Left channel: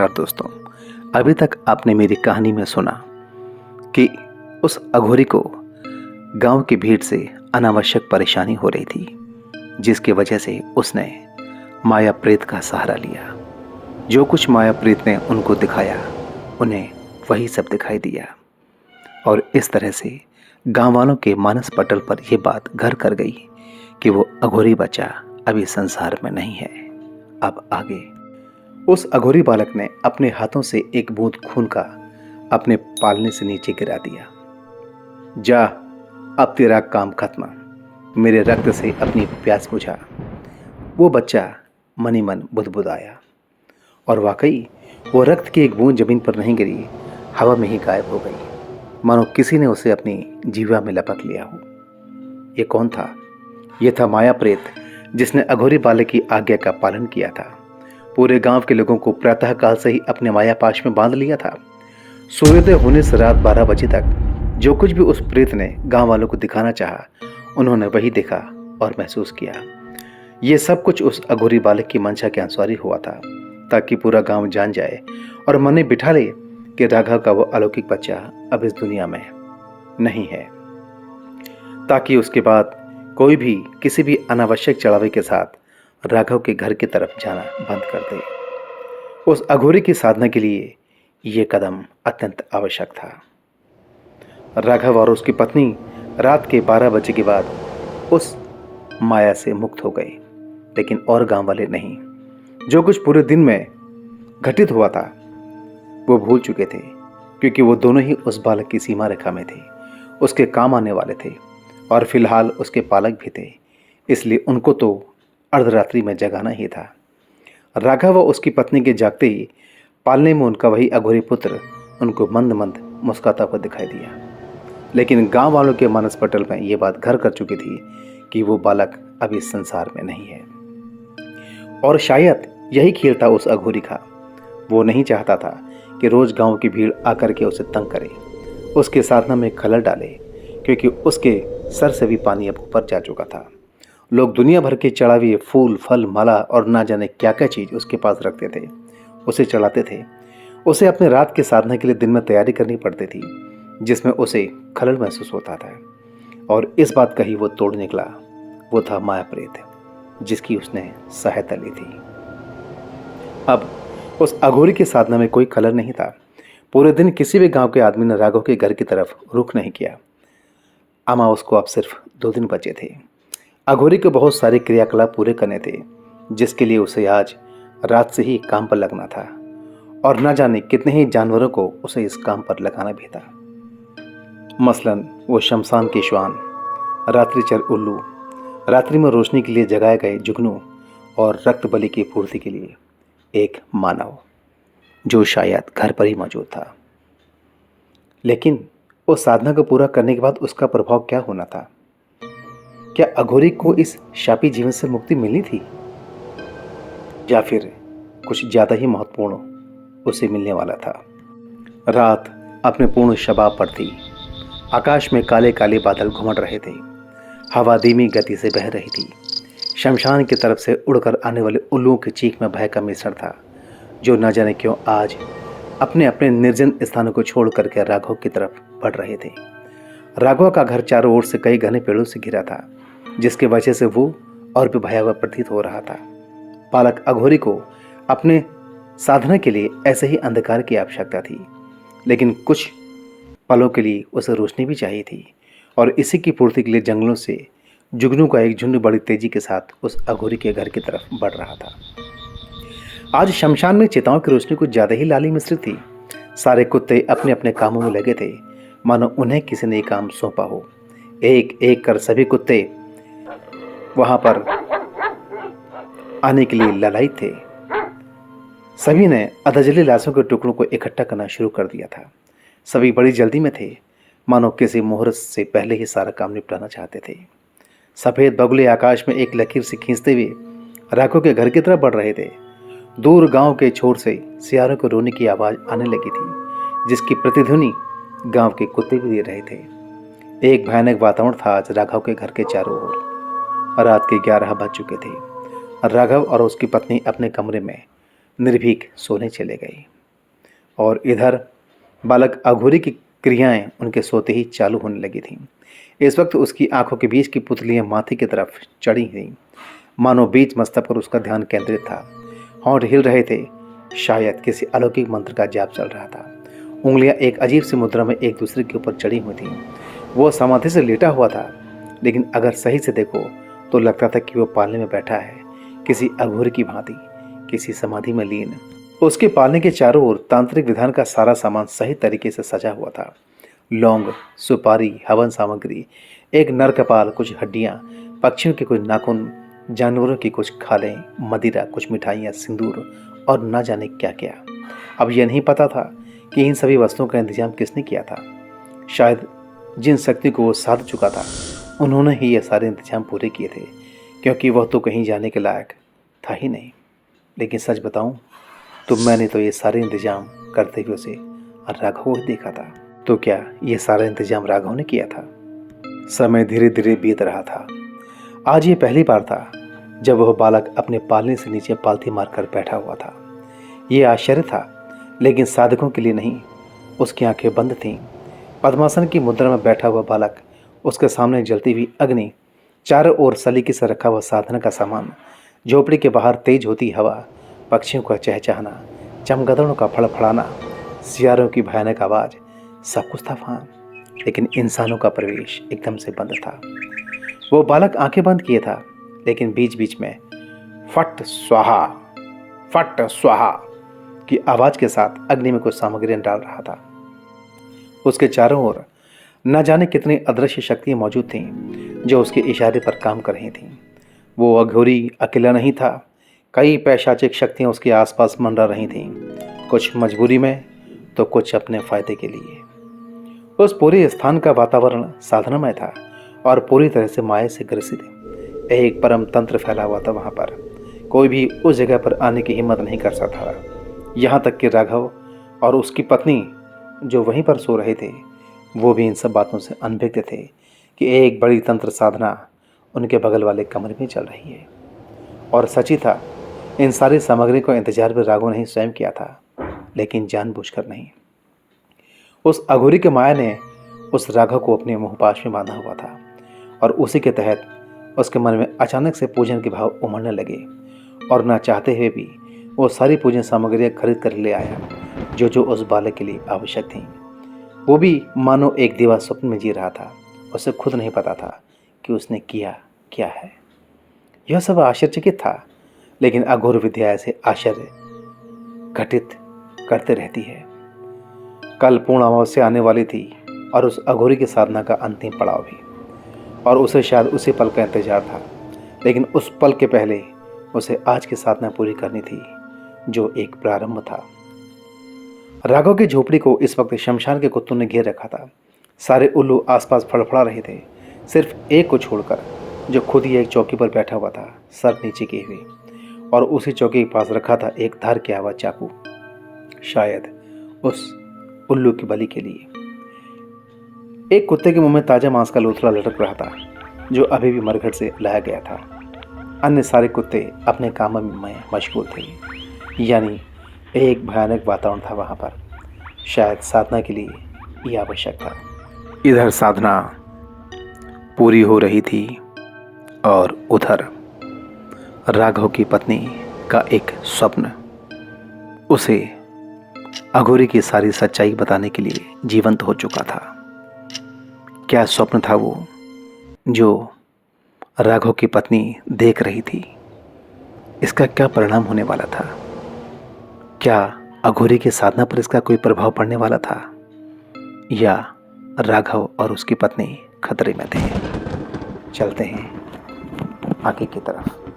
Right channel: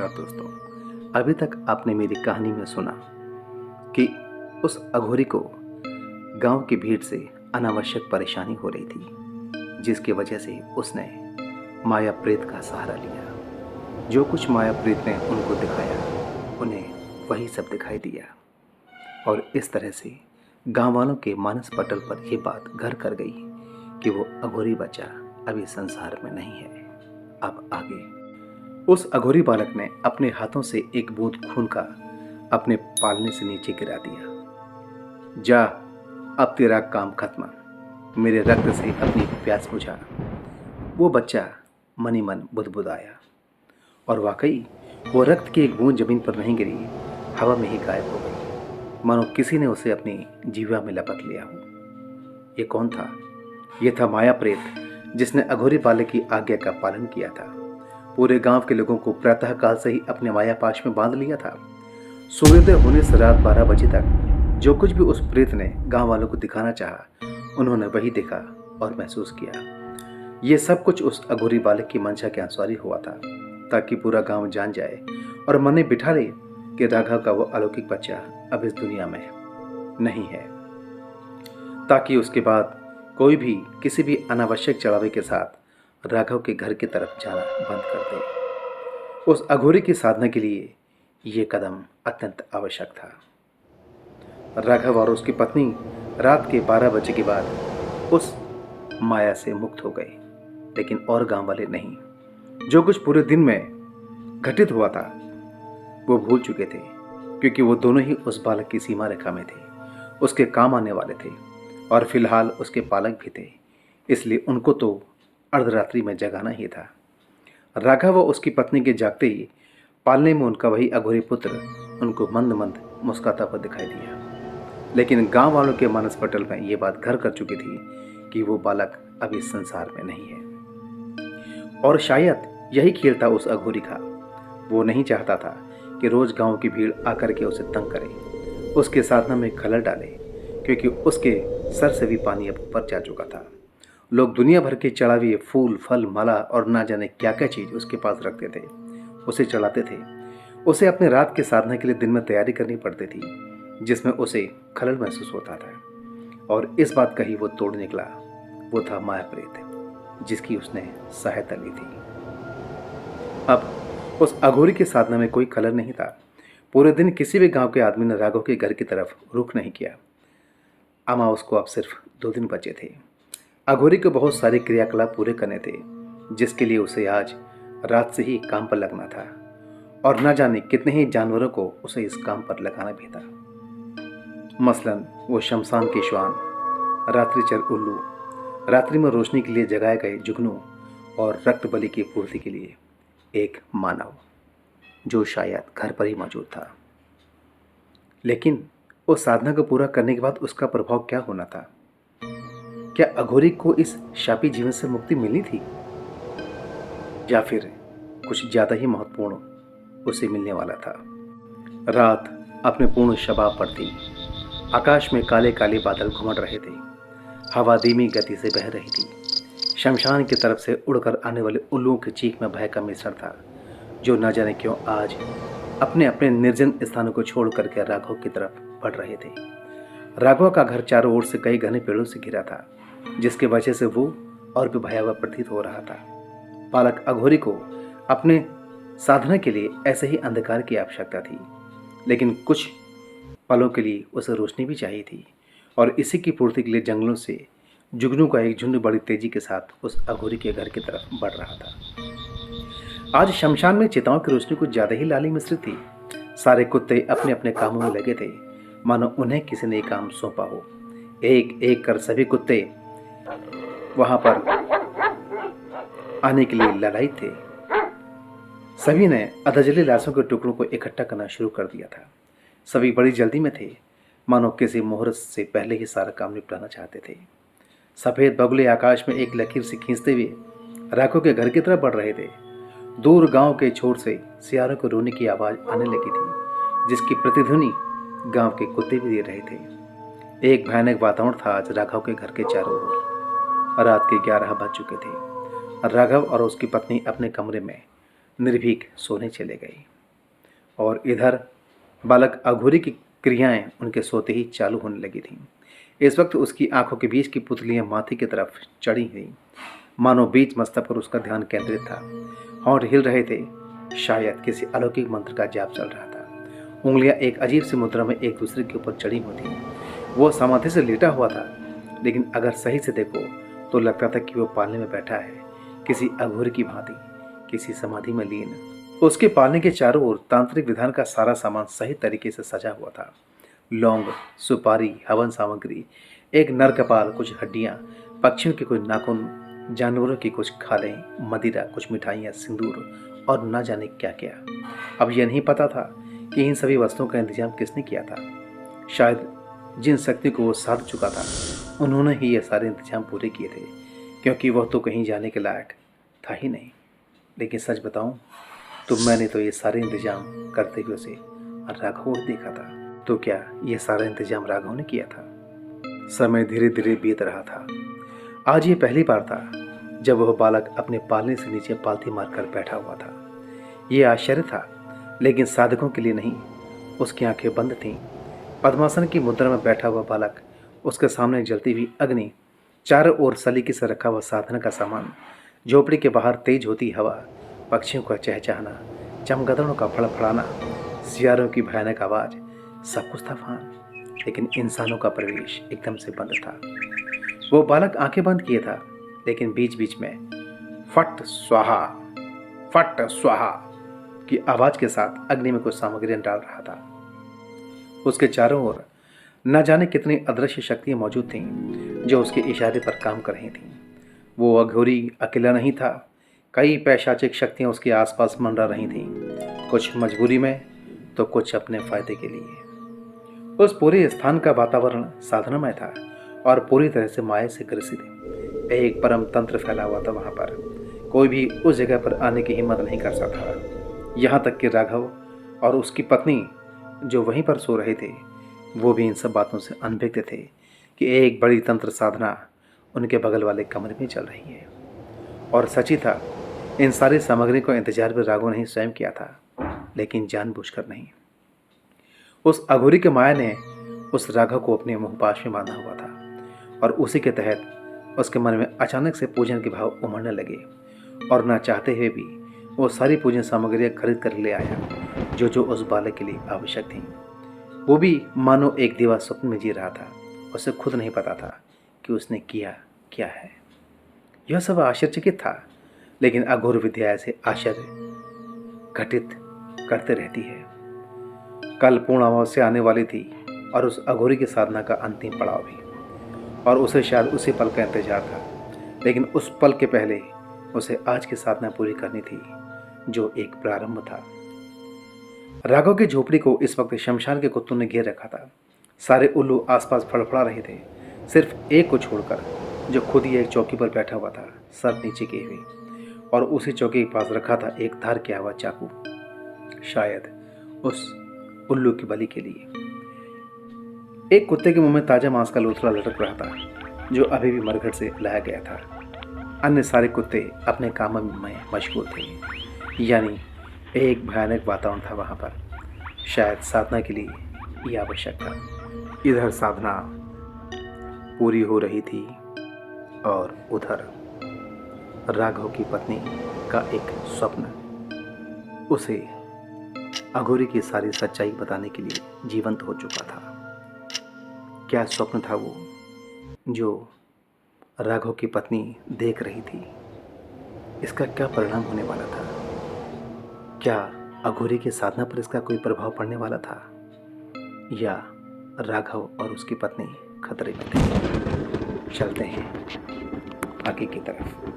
नमस्कार दोस्तों। अभी तक आपने मेरी कहानी में सुना कि उस अघोरी को गांव की भीड़ से अनावश्यक परेशानी हो रही थी, जिसकी वजह से उसने माया प्रेत का सहारा लिया। जो कुछ माया प्रेत ने उनको दिखाया, उन्हें वही सब दिखाई दिया और इस तरह से गांव वालों के मानस पटल पर यह बात घर कर गई कि वो अघोरी बच्चा अभी संसार में नहीं है। अब आगे उस अघोरी बालक ने अपने हाथों से एक बूंद खून का अपने पालने से नीचे गिरा दिया। जा, अब तेरा काम खत्म, मेरे रक्त से अपनी प्यास बुझा। वो बच्चा मनी मन बुदबुदाया और वाकई वो रक्त की एक बूंद जमीन पर नहीं गिरी, हवा में ही गायब हो गई, मानो किसी ने उसे अपनी जीवा में लपक लिया हो। ये कौन था? ये था माया प्रेत, जिसने अघोरी बालक की आज्ञा का पालन किया था। पूरे गांव के लोगों को प्रातः काल से ही अपने माया पाश में बांध लिया था। सूर्योदय होने से रात 12 बजे तक जो कुछ भी उस प्रेत ने गांव वालों को दिखाना चाहा, उन्होंने वही देखा और महसूस किया। ये सब कुछ उस अघोरी बालक की मंशा के अनुसार ही हुआ था, ताकि पूरा गांव जान जाए और मन में बिठा ले कि राघव का वो अलौकिक बच्चा अब इस दुनिया में नहीं है, ताकि उसके बाद कोई भी किसी भी अनावश्यक चढ़ावे के साथ राघव के घर की तरफ जाना बंद कर दे। उस अघोरी की साधना के लिए यह कदम अत्यंत आवश्यक था। राघव और उसकी पत्नी रात के 12 बजे के बाद उस माया से मुक्त हो गए, लेकिन और गांव वाले नहीं। जो कुछ पूरे दिन में घटित हुआ था वो भूल चुके थे, क्योंकि वो दोनों ही उस बालक की सीमा रेखा में थे, उसके काम आने वाले थे और फिलहाल उसके पालक भी थे। इसलिए उनको तो अर्धरात्रि में जगाना ही था। राघव व उसकी पत्नी के जागते ही पालने में उनका वही अघोरी पुत्र उनको मंद मंद मुस्कुराता हुआ दिखाई दिया। लेकिन गांव वालों के मानस पटल में ये बात घर कर चुकी थी कि वो बालक अभी इस संसार में नहीं है। और शायद यही खेल था उस अघोरी का। वो नहीं चाहता था कि रोज गांव की भीड़ आकर के उसे तंग करे, उसके साधना में खलल डाले, क्योंकि उसके सर से भी पानी अब ऊपर जा चुका था। लोग दुनिया भर के चढ़ावे, फूल, फल, माला और ना जाने क्या क्या चीज उसके पास रखते थे, उसे चढ़ाते थे। उसे अपने रात के साधना के लिए दिन में तैयारी करनी पड़ती थी, जिसमें उसे खलल महसूस होता था। और इस बात का ही वो तोड़ निकला। वो था माया प्रेत, जिसकी उसने सहायता ली थी। अब उस अघोरी की साधना में कोई खलल नहीं था। पूरे दिन किसी भी गांव के आदमी ने राघव के घर की तरफ रुख नहीं किया। अमावस को अब सिर्फ 2 दिन बचे थे। अघोरी को बहुत सारे क्रियाकलाप पूरे करने थे, जिसके लिए उसे आज रात से ही काम पर लगना था और न जाने कितने ही जानवरों को उसे इस काम पर लगाना भी था। मसलन वो शमशान के श्वान, रात्रिचर उल्लू, रात्रि में रोशनी के लिए जगाए गए जुगनू और रक्त बलि की पूर्ति के लिए एक मानव, जो शायद घर पर ही मौजूद था। लेकिन उस साधना को पूरा करने के बाद उसका प्रभाव क्या होना था? क्या अघोरी को इस शापी जीवन से मुक्ति मिली थी, या फिर कुछ ज्यादा ही महत्वपूर्ण उसे मिलने वाला था? रात अपने पूर्ण शबाब पर थी। आकाश में काले काले बादल घुमड़ रहे थे। हवा धीमी गति से बह रही थी। शमशान की तरफ से उड़कर आने वाले उल्लुओं की चीख में भय का मिश्रण था, जो न जाने क्यों आज अपने अपने निर्जन स्थानों को छोड़ करके राघव की तरफ बढ़ रहे थे। राघव का घर चारों ओर से कई घने पेड़ों से घिरा था, जिसकी वजह से वो और भी भयावह प्रतीत हो रहा था। बालक अघोरी को अपने साधना के लिए ऐसे ही अंधकार की आवश्यकता थी, लेकिन कुछ पलों के लिए उसे रोशनी भी चाहिए थी, और इसी की पूर्ति के लिए जंगलों से जुगनू का एक झुंड बड़ी तेजी के साथ उस अघोरी के घर की तरफ बढ़ रहा था। आज शमशान में चिताओं की रोशनी कुछ ज्यादा ही लाली मिश्रित थी। सारे कुत्ते अपने अपने कामों में लगे थे, मानो उन्हें किसी ने काम सौंपा हो। एक एक कर सभी कुत्ते वहां पर आने के लिए ललायित थे। सभी ने अधजली लाशों के टुकड़ों को इकट्ठा करना शुरू कर दिया था। सभी बड़ी जल्दी में थे, मानो किसी मुहूर्त से पहले ही सारा काम निपटाना चाहते थे। सफेद बगुले आकाश में एक लकीर से खींचते हुए राघव के घर की तरफ बढ़ रहे थे। दूर गांव के छोर से सियारों को रोने की आवाज आने लगी थी, जिसकी प्रतिध्वनि गांव के कुत्ते भी दे रहे थे। एक भयानक वातावरण था आज राघव के घर के चारों ओर। रात के 11 बज चुके थे। राघव और उसकी पत्नी अपने कमरे में निर्भीक सोने चले गए। और इधर बालक अघोरी की क्रियाएं उनके सोते ही चालू होने लगी थीं। इस वक्त उसकी आंखों के बीच की पुतलियां माथे की तरफ चढ़ी थीं, मानो बीच मस्तक पर उसका ध्यान केंद्रित था। होंठ हिल रहे थे, शायद किसी अलौकिक मंत्र का जाप चल रहा था। उंगलियां एक अजीब सी मुद्रा में एक दूसरे के ऊपर चढ़ी हुई थीं। वो समाधि से लेटा हुआ था, लेकिन अगर सही से देखो तो लगता था कि वो पालने में बैठा है, किसी अघोरी की भांति, किसी समाधि में लीन। उसके पालने के चारों ओर तांत्रिक विधान का सारा सामान सही तरीके से सजा हुआ था। लौंग, सुपारी, हवन सामग्री, एक नर कपाल, कुछ हड्डियां, पक्षियों के कुछ नाखून, जानवरों की कुछ खालें, मदिरा, कुछ मिठाइयाँ, सिंदूर और न जाने क्या क्या। अब यह नहीं पता था कि इन सभी वस्तुओं का इंतजाम किसने किया था। शायद जिन शक्ति को वो साध चुका था, उन्होंने ही ये सारे इंतजाम पूरे किए थे, क्योंकि वह तो कहीं जाने के लायक था ही नहीं। लेकिन सच बताऊं तो मैंने तो ये सारे इंतजाम करते हुए उसे राघव को देखा था। तो क्या ये सारा इंतजाम राघव ने किया था? समय धीरे धीरे बीत रहा था। आज ये पहली बार था जब वह बालक अपने पालने से नीचे पालथी मारकर बैठा हुआ था। ये आश्चर्य था, लेकिन साधकों के लिए नहीं। उसकी आंखें बंद थीं। पद्मासन की मुद्रा में बैठा हुआ बालक, उसके सामने जलती हुई अग्नि, चारों ओर सलीके से रखा हुआ साधना का सामान, झोपड़ी के बाहर तेज होती हवा, पक्षियों का चहचहाना, चमगादड़ों का फड़फड़ाना, सियारों की भयानक आवाज, सब कुछ था वहाँ, लेकिन इंसानों का प्रवेश एकदम से बंद था। वो बालक आंखें बंद किए था, लेकिन बीच बीच में फट स्वाहा की आवाज के साथ अग्नि में कुछ सामग्रियां डाल रहा था। उसके चारों ओर न जाने कितनी अदृश्य शक्तियां मौजूद थीं जो उसके इशारे पर काम कर रही थीं। वो अघोरी अकेला नहीं था, कई पैशाचिक शक्तियां उसके आसपास मंडरा रही थीं, कुछ मजबूरी में तो कुछ अपने फायदे के लिए। उस पूरे स्थान का वातावरण साधनामय था और पूरी तरह से माया से ग्रसित। एक परम तंत्र फैला हुआ था वहां पर। कोई भी उस जगह पर आने की हिम्मत नहीं कर सकता था। यहाँ तक कि राघव और उसकी पत्नी जो वहीं पर सो रहे थे, वो भी इन सब बातों से अनभिज्ञ थे कि एक बड़ी तंत्र साधना उनके बगल वाले कमरे में चल रही है। और सच ही था, इन सारी सामग्री को इंतजार भी राघव ने ही स्वयं किया था, लेकिन जानबूझकर नहीं। उस अघोरी के माया ने उस राघव को अपने मोहपाश में बांधा हुआ था, और उसी के तहत उसके मन में अचानक से पूजन के भाव उमड़ने लगे, और ना चाहते हुए भी वो सारी पूजन सामग्रियां खरीद कर ले आया जो जो उस बालक के लिए आवश्यक थीं। वो भी मानो एक दीवा स्वप्न में जी रहा था। उसे खुद नहीं पता था कि उसने किया क्या है। यह सब आश्चर्यचकित था, लेकिन अघोर विद्या ऐसे आश्चर्य घटित करते रहती है। कल पूर्ण अमावस्या आने वाली थी और उस अघोरी की साधना का अंतिम पड़ाव भी, और उसे शायद उसी पल का इंतजार था। लेकिन उस पल के पहले उसे आज की साधना पूरी करनी थी, जो एक प्रारंभ था। राघव की झोपड़ी को इस वक्त शमशान के कुत्तों ने घेर रखा था। सारे उल्लू आसपास फड़फड़ा रहे थे, सिर्फ एक को छोड़कर, जो खुद ही एक चौकी पर बैठा हुआ था, सर नीचे किए हुए, और उसी चौकी के पास रखा था एक धार किया हुआ चाकू, शायद उस उल्लू की बलि के लिए। एक कुत्ते के मुंह में ताजा मांस का लोथड़ा लटक रहा था, जो अभी भी मरघट से लाया गया था। अन्य सारे कुत्ते अपने कामों में मशगूल थे। यानी एक भयानक वातावरण था वहां पर। शायद साधना के लिए यह आवश्यक था। इधर साधना पूरी हो रही थी और उधर राघव की पत्नी का एक स्वप्न उसे अघोरी की सारी सच्चाई बताने के लिए जीवंत हो चुका था। क्या स्वप्न था वो जो राघव की पत्नी देख रही थी? इसका क्या परिणाम होने वाला था? क्या अघोरी की साधना पर इसका कोई प्रभाव पड़ने वाला था, या राघव और उसकी पत्नी खतरे में थे? चलते हैं आगे की तरफ।